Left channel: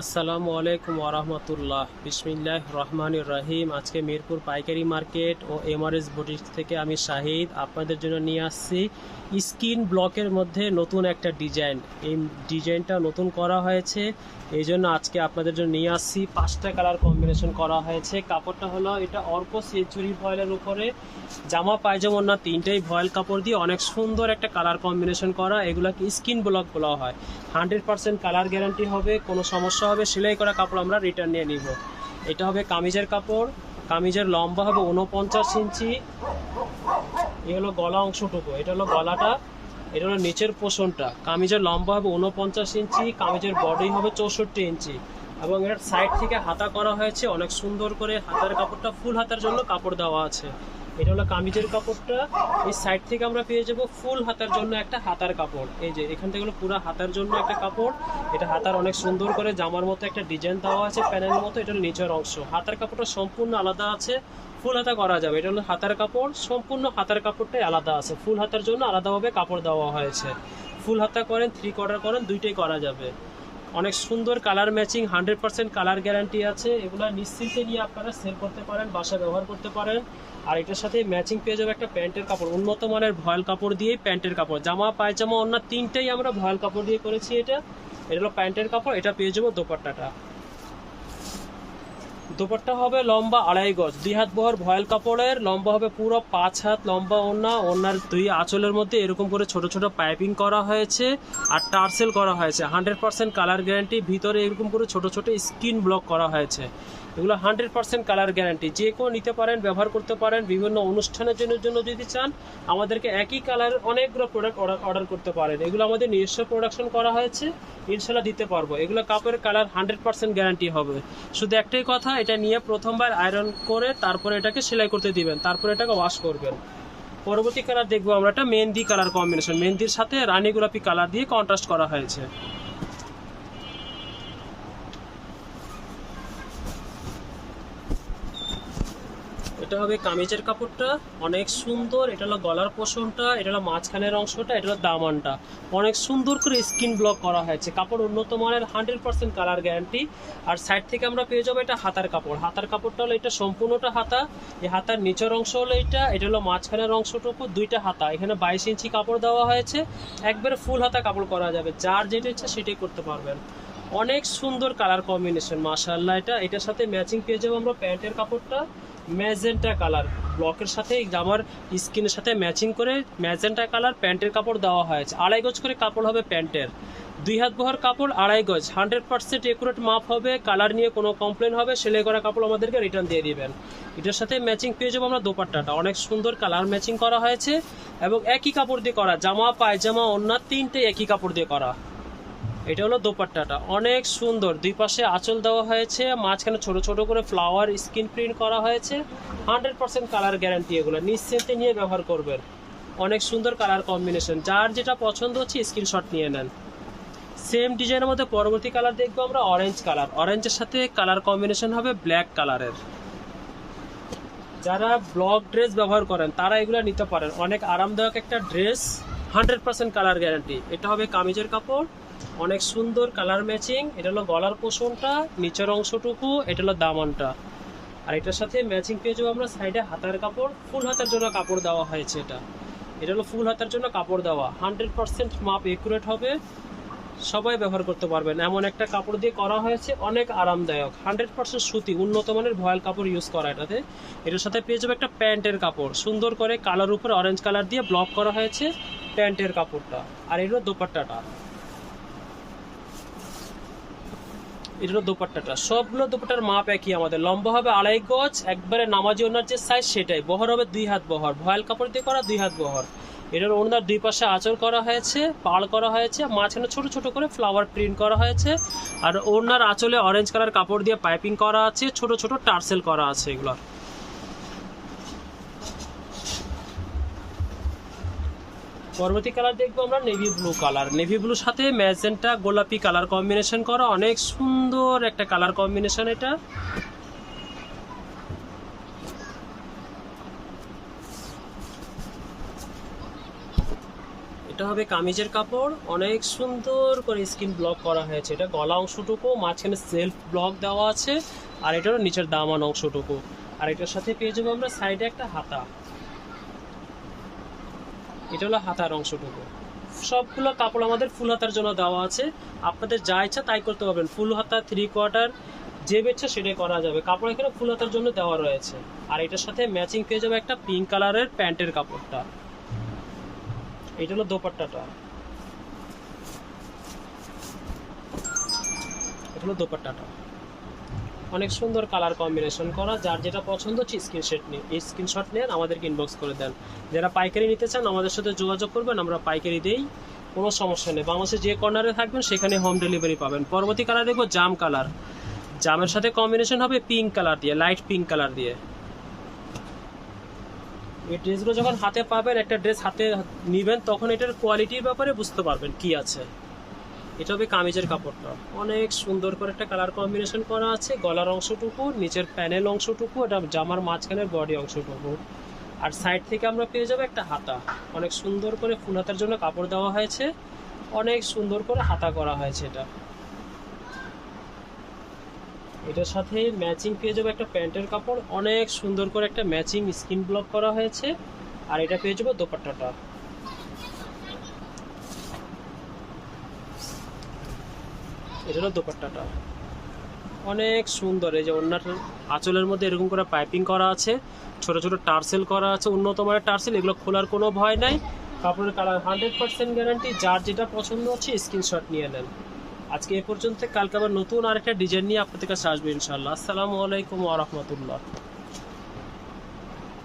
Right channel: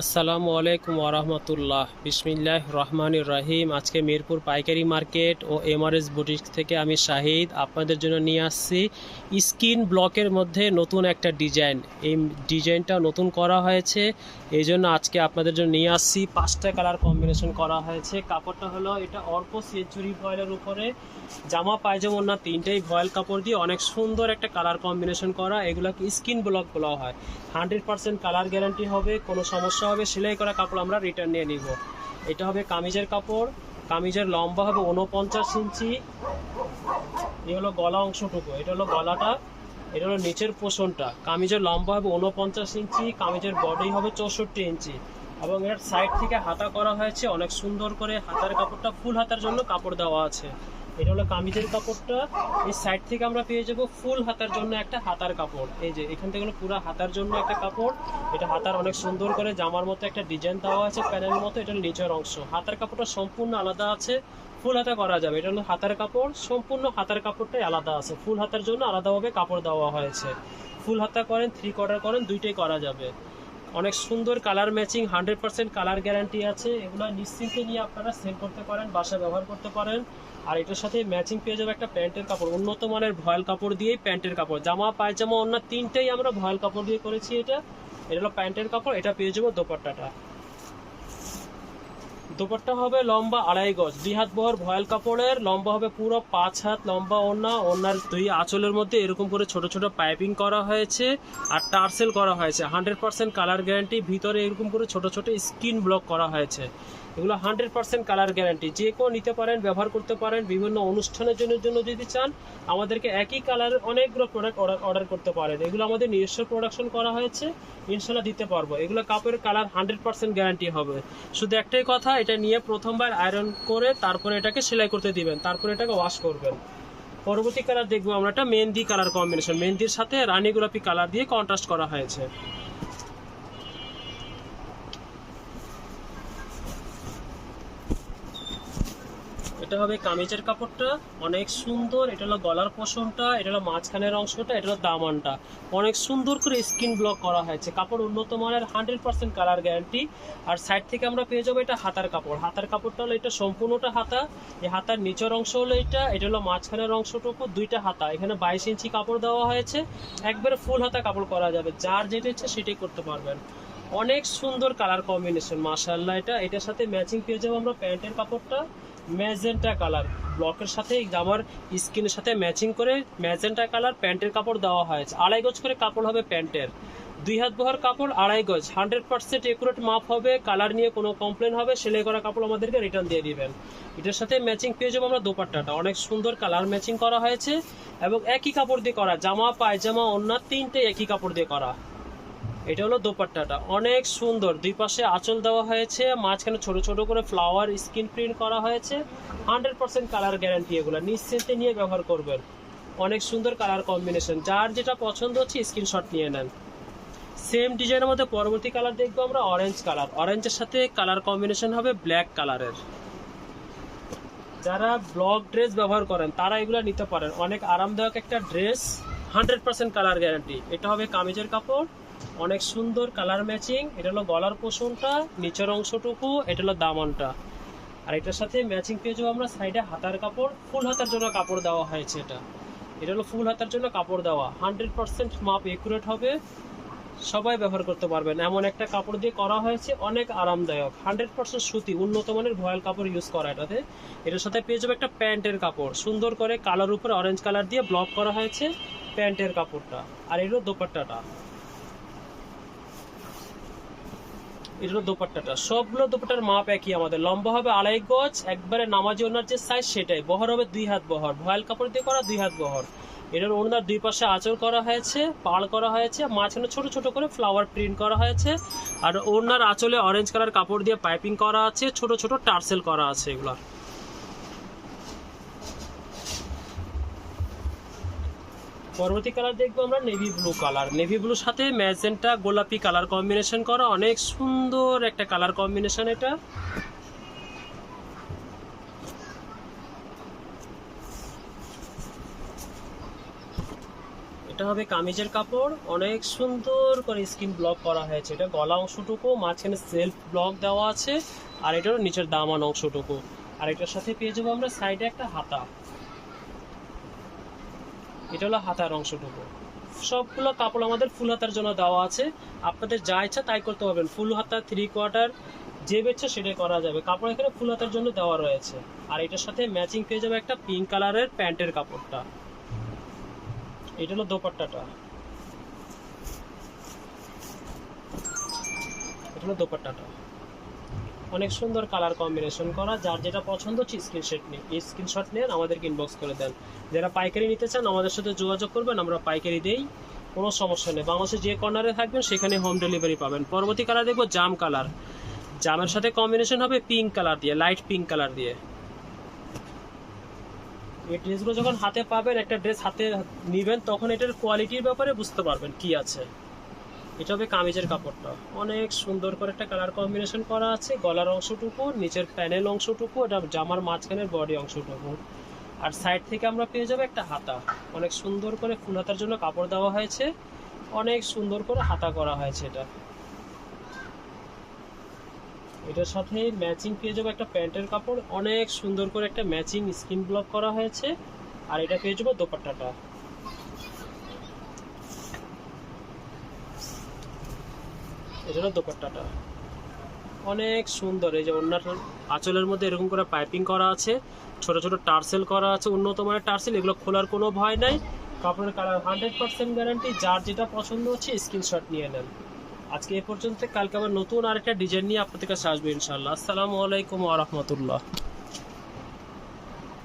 আসসালামু আলাইকুম ওরহমতুল্লাহ। বিসমিল্লাহ রহমানির রহিম। আজকে মিরপুর পাইকারি মার্কেট ও এমআরএস বুটিক থেকে আমি শাহিদ আপনাদের জন্য নিয়ে আসছি স্কিন ব্লকের মধ্যে নতুন একটা ডিজাইন। এই ডিজাইনটা নতুন করা হয়েছে, এই জন্য আজকে আপনাদের জন্য নিয়ে আসছি। 5টা কালার কম্বিনেশন করা হয়েছে। কাপড়টা হলো এটা অর্ক সেঞ্চুরি ভয়েলের উপরে জামা পায়জামা না, তিনটেই ভয়েল কাপড় দিয়ে অনেক সুন্দর একটা কালার কম্বিনেশন করা। এগুলাকে স্কিন ব্লক বলা হয়। 100% কালার গ্যারান্টি হবে, কোনো সমস্যা হবে সেলাই করা কাপড় আমরা রিটার্ন নিয়ে নিব। এটা হবে কামিজের কাপড়। কামিজের লম্বা হবে 49 ইঞ্চি। এই হলো গলা অংশটুকু, এটা হলো গলাটা, এটা হলো নিচের পোষণটা। কামিজের লম্বা হবে 49 ইঞ্চি, কামিজের বডি হবে 64 ইঞ্চি এবং এর সাইড থেকে হাতা করা হয়েছে অনেক সুন্দর করে। হাতার কাপড়টা ফুল হাতার জন্য কাপড় দেওয়া আছে। এটা হলো কামিজের কাপড়টা। এই সাইড থেকে আমরা পেয়ে যাব ফুল হাতার জন্য একটা হাতার কাপড়। এই যে এখান থেকে হলো পুরো হাতার জন্য একটা কাপড়। এটা হাতার অনেক সুন্দর করে জামার মতো একটা ডিজাইন দেওয়া আছে প্যানেলের মতো। এটা হলো নিচের অংশ। হাতার কাপড়টা সম্পূর্ণ আলাদা আছে, ফুল হাতা করা যাবে। এটা হলো হাতার কাপড়, সম্পূর্ণ হাতার কাপড়টাই আলাদা আছে। ফুল হাতার জন্য আলাদাভাবে কাপড় দেওয়া হয়েছে। ফুল হাতা করেন, 3/4 করেন, দুইটাই করা যাবে। অনেক সুন্দর কালার ম্যাচিং, 100% কালার গ্যারান্টি আছে। এগুলো নিশ্চিন্তে নিয়ে আপনারা সেল করতে পারেন, বাসা ব্যবহার করতে পারেন। আর এটার সাথে ম্যাচিং পেয়ে যাবে একটা প্যান্টের কাপড়, উন্নত মানের ভয়েল কাপড় দিয়েই প্যান্টের কাপড়। জামা পায়জামা অন্য তিনটেই আমরা ভয়েল কাপড় দিয়ে করেছি। এটা হলো প্যান্টের কাপড়। এটা পেয়ে যাবো দোপাট্টাটা। দোপাট্টা হবে লম্বা 2.5 গজ, 2 হাত বহর ভয়েল কাপড়ের। লম্বা হবে পুরো 5 হাত লম্বা। ওনার 2 আঁচলের মধ্যে এরকম করে ছোট ছোট পাইপিং করা হয়েছে আর টার্সেল করা হয়েছে। 100% কালার গ্যারান্টি। ভিতরে এরকম করে ছোট ছোট স্কিন ব্লক করা হয়েছে। এগুলো 100% কালার গ্যারান্টি। যে কেউ নিতে পারেন, ব্যবহার করতে পারেন। বিভিন্ন অনুষ্ঠানের জন্য যদি চান, আমাদেরকে একই কালার অনেকগুলো প্রোডাক্ট অর্ডার করতে পারেন। এগুলো আমাদের নিজস্ব প্রোডাকশন করা হয়েছে, ইনশাল্লাহ দিতে পারবো। এগুলো কাপড়ের কালার 100% গ্যারান্টি হবে। শুধু একটাই কথা, এটা নিয়ে প্রথমবার আয়রন করে তারপরে এটাকে সেলাই করতে দিবেন, তারপরে এটাকে ওয়াশ করবেন। পরবর্তী কালার দেখবো আমরা একটা মেহেন্দি কালার কম্বিনেশন। মেহেন্দির সাথে রানী গোলাপি কালার দিয়ে কন্ট্রাস্ট করা হয়েছে। এটা হবে কামিজের কাপড়টা, অনেক সুন্দর। এটা হলো গলার পোষণটা, এটা হলো মাঝখানের অংশটা, এটা হলো দামানটা। অনেক সুন্দর করে স্কিন ব্লক করা হয়েছে। কাপড় উন্নত মানের, 100% কালার গ্যারান্টি। আর সাইড থেকে আমরা পেয়ে যাবো এটা হাতার কাপড়। হাতার কাপড়টা হলো এটা সম্পূর্ণটা হাতা। এই হাতার নিচের অংশ হলো এটা হলো মাঝখানের অংশটুকু, দুইটা হাতা। এখানে 22 ইঞ্চি কাপড় দেওয়া হয়েছে। একবারে ফুল হাতা কাপড় করা যাবে, যার যেটা ইচ্ছা সেটাই করতে পারবেন। অনেক সুন্দর কালার কম্বিনেশন, মাশাআল্লাহ। এটার সাথে ম্যাচিং পেয়ে যাবো আমরা প্যান্টের কাপড়টা ম্যাজেন্টা কালার। ব্লকের সাথে জামার স্কিনের সাথে ম্যাচিং করে ম্যাজেন্টা কালার প্যান্টের কাপড় দেওয়া হয়েছে। 2.5 গজ করে কাপড় হবে প্যান্টের। 2 হাত বহর কাপড়, 2.5 গজ। 100% একুরেট মাপ হবে। কালার নিয়ে কোনো কমপ্লেন হবে, সেলাই করা কাপড় আমাদেরকে রিটার্ন দিয়ে দিবেন। এটার সাথে ম্যাচিং পেয়ে যাবো আমরা দোপাট্টাটা। অনেক সুন্দর কালার ম্যাচিং করা হয়েছে এবং একই কাপড় দিয়ে করা। জামা পায়জামা অন্য তিনটে একই কাপড় দিয়ে করা। এটা হলো দোপাট্টাটা, অনেক সুন্দর। দুই পাশে আঁচল দেওয়া হয়েছে, মাঝখানে ছোট ছোট করে ফ্লাওয়ার স্ক্রিন প্রিন্ট করা হয়েছে। 100% কালার গ্যারান্টি। এগুলো নিশ্চিন্তে নিয়ে ব্যবহার করবেন। অনেক সুন্দর কালার কম্বিনেশন। যার যেটা পছন্দ হচ্ছে স্ক্রিনশট নিয়ে নেন। সেম ডিজাইনের মধ্যে পরবর্তী কালার দেখবো আমরা অরেঞ্জ কালার। অরেঞ্জের সাথে কালার কম্বিনেশন হবে ব্ল্যাক কালারের। যারা ব্লক ড্রেস ব্যবহার করেন তারা এগুলো নিতে পারেন। অনেক আরামদায়ক একটা ড্রেস, 100% কালার গ্যারান্টি। এটা হবে কামিজের কাপড়, অনেক সুন্দর কালার ম্যাচিং। এটা হলো গলার পোষণটা, নিচের অংশটুকু, এটা হলো দামানটা। আর এটার সাথে ম্যাচিং পেয়ে যাবো আমরা সাইডে হাতার কাপড়। ফুল হাতার জন্য কাপড় দেওয়া হয়েছে। এটা হলো ফুল হাতার জন্য কাপড় দেওয়া। 100% মাপ একুরেট হবে, সবাই ব্যবহার করতে পারবেন। এমন একটা কাপড় দিয়ে করা হয়েছে, অনেক আরামদায়ক। 100% সুতি, উন্নত মানের ভয়েল কাপড় ইউজ করা এটাতে। এটার সাথে পেয়ে যাবে একটা প্যান্টের কাপড়, সুন্দর করে কালার উপরে অরেঞ্জ কালার দিয়ে ব্লক করা হয়েছে প্যান্টের কাপড়টা। আর এটা দোপাট্টাটা, এটা হলো দোপাট্টাটা। সবগুলো দোপাট্টার মাপ একই আমাদের। লম্বা হবে 2.5 গজ, একবারে নামাজি ওনার যে সাইজ সেটাই। বহর হবে 2 হাত বহর, ভয়েল কাপড় দিয়ে করা 2 হাত বহর। এটার ওনার দুই পাশে আঁচল করা হয়েছে, পাড় করা হয়েছে, মাঝখানে ছোট ছোট করে ফ্লাওয়ার প্রিন্ট করা হয়েছে। আর ওনার আঁচলে অরেঞ্জ কালার কাপড় দিয়ে পাইপিং করা আছে, ছোট ছোট টার্সেল করা আছে। এগুলো পরবর্তী কালার দেখবো আমরা নেভি ব্লু কালার। নেভি ব্লুর সাথে ম্যাজেন্টা গোলাপি কালার কম্বিনেশন করা, অনেক সুন্দর একটা কালার কম্বিনেশন। এটা হবে কামিজের কাপড়, অনেক সুন্দর করে স্কিন ব্লক করা হয়েছে। এটা গলা অংশটুকু, মাঝখানে সেলফ ব্লক দেওয়া আছে, আর এটারও নিচের দামান অংশটুকু। আর এটার সাথে পেয়ে যাবো আমরা সাইডে একটা হাতা, এটা হলো হাতার অংশটুকু। সবগুলো কাপড় আমাদের ফুল হাতার জন্য দেওয়া আছে, আপনাদের যা ইচ্ছা তাই করতে পারবেন। ফুল হাতা, 3/4 যে বেচ্ছে সেটাই করা যাবে। কাপড় এখানে ফুল হাতার জন্য দেওয়া রয়েছে। আর এটার সাথে ম্যাচিং পেয়ে যাবে একটা পিঙ্ক কালারের প্যান্টের কাপড়টা। এটা হলো দোপাট্টাটা, এটা হলো দোপাট্টাটা। অনেক সুন্দর কালার কম্বিনেশন করা। যার যেটা পছন্দ হচ্ছে স্ক্রিনশট নিয়ে আমাদেরকে ইনবক্স করে দেন। যারা পাইকারি নিতে চান আমাদের সাথে যোগাযোগ করবেন, আমরা পাইকারি দেই, কোনো সমস্যা নেই। বাংলাদেশে যে কর্নারে থাকবেন সেখানে হোম ডেলিভারি পাবেন। পরবর্তী কালার দেখবো জাম কালার। জামের সাথে কম্বিনেশন হবে পিঙ্ক কালার দিয়ে, লাইট পিঙ্ক কালার দিয়ে। এই ড্রেসগুলো যখন হাতে পাবেন, একটা ড্রেস হাতে নেবেন, তখন এটার কোয়ালিটির ব্যাপারে বুঝতে পারবেন কি আছে। এটা হবে কামিজের কাপড়টা, অনেক সুন্দর করে একটা কালার কম্বিনেশন করা আছে। গলার অংশটুকু, নিচের প্যানেল অংশটুকু, এটা জামার মাঝখানের বডি অংশটুকু। আর সাইড থেকে আমরা পেয়ে যাবো একটা হাতা, অনেক সুন্দর করে ফুল হাতার জন্য কাপড় দেওয়া হয়েছে, অনেক সুন্দর করে হাতা করা হয়েছে। এটার সাথে ম্যাচিং পেয়ে যাবো একটা প্যান্টের কাপড়, অনেক সুন্দর করে একটা ম্যাচিং স্কিন ব্লক করা হয়েছে। আর এটা পেয়ে যাবো দোপাট্টাটা, এটা হলো দোপাট্টাটা, অনেক সুন্দর। এই যে ওড়নার আঁচলের মধ্যে এরকম করে পাইপিং করা আছে, ছোট ছোট টার্সেল করা আছে, উন্নত মানের টার্সেল। এগুলো খোলার কোনো ভয় নাই। কাপড়ের কালার 100% গ্যারান্টি। যার যেটা পছন্দ হচ্ছে স্ক্রিনশট নিয়ে নেন। আজকে এ পর্যন্ত, কালকে আবার নতুন আরেকটা ডিজাইন নিয়ে আপনাদের কাছে আসবে ইনশাআল্লাহ। আসসালামু আলাইকুম ওয়া রাহমাতুল্লাহ।